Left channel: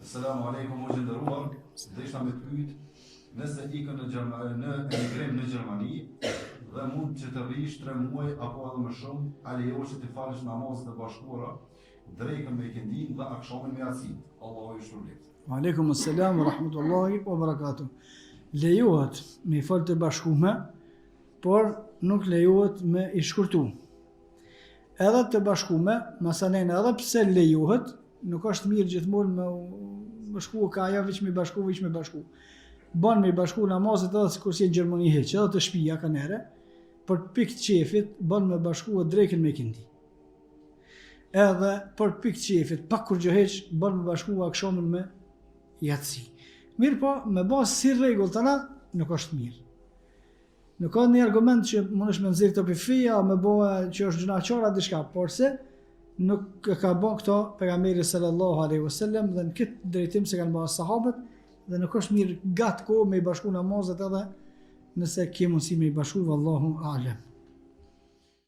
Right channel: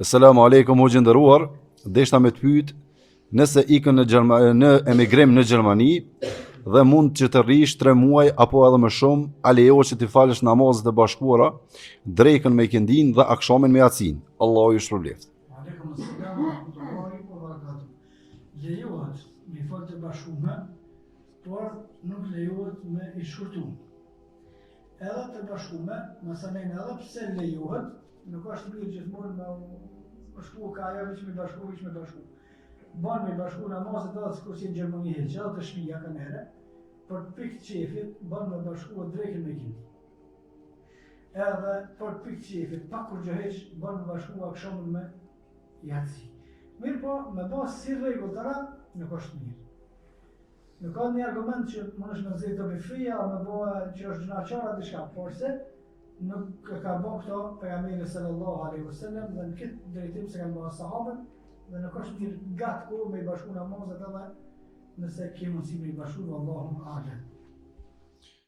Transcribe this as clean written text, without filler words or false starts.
Selamu alaikum, o gjendëruar, deshta me të pyet, nëse ikën në emigrim në Gjermani dhe mund që të rrish 3 muaj apo edhe më shumë, a lejohet që të falësh namazet e bashkuara, drekën me ikindin dhe akshamin me yacin. Allahu ju shpërbleft. Aleikum assalam wa rahmatullahi wa barakatuh. Lejohet me fal të bashkume, por nuk lejohet me i shkurtu. Edhe të bashkume, masanen edhe pse lejohet, nuk është mirë gjithmonë me bashku ka ajo veç me bashku. Ban me bashku namazet edhe sikur si në Gjermani hiç, edhe të shtëpia kanë herë, për pikë të qefit ban me bashku drekën me ikindi. Edhe për pikë të qefit, pak kur gjë hiç, ban me bashku akshamin me yatsi. Mirë po, me bazë si rregull tëra, nuk është mirë. Nuk ka një argument që mundesh me nxjerr të feja, me bëhe që është gjunaqara diçka, por se nuk ka bën këto pejgamberi sallallahu alaihi wasallam dhe në këtë drejtim se kanë bërë sahabët dhe nuk është mirë gat kohë me i bashku namazet edhe nëse ke mundësi me i bashku, vallahu a'lam.